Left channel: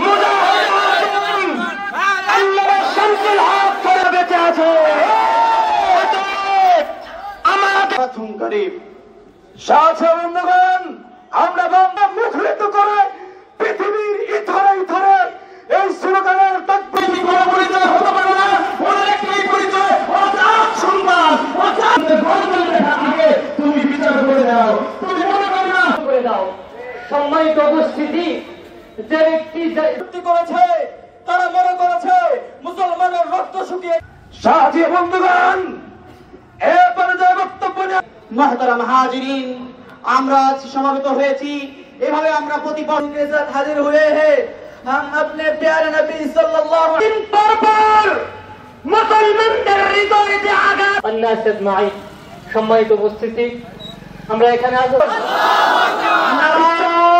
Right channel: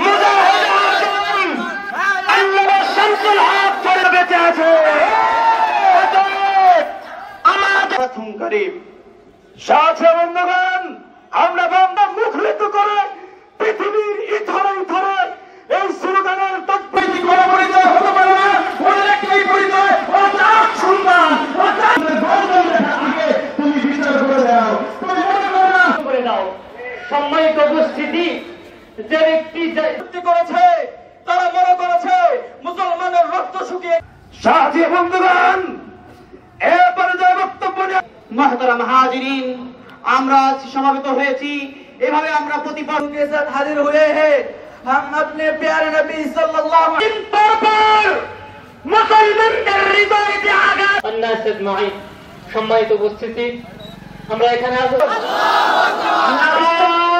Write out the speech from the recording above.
মুজাহিদ আল্লামা শামসুল হক ধরে বেঁচে আছে। আমাদের করিম সাথে বন্ধুগণ, আমরা বাংলা মুখরিত করে পৃথিবীর ইথরে ইথরে এই স্লোগানের তাকবীর করে পরিচয় হতে পারে না। ওদের একটাই পরিচয়, ওরা চার সন্তান, ওরা চার গণতন্ত্রের আগে তুমি বিচার করে দাও, তুমি মনে করো না করে দাও। সম্মানিত উপস্থিতি, যে ব্যক্তি করেছে তারা মনে করেছে মুসলমানের রক্ত শুকিয়ে। সাথী বন্ধুগণ, এরপরে যে বক্তব্য মুহতারাম হাজিরিন, আমরা সমাবেত হয়েছি এভাবে আমরা প্রতিপক্ষ के साथ हाजिर हुए हैं। हम अपने प्यारे नबी सल्लल्लाहु अलैहि वसल्लम पर মুসলমানদের হৃদয়ে যে আঘাত। আল্লাহ আজমাইন, সম্মানিত উপস্থিতি, আমরা এখানে আল্লাহু আকবার।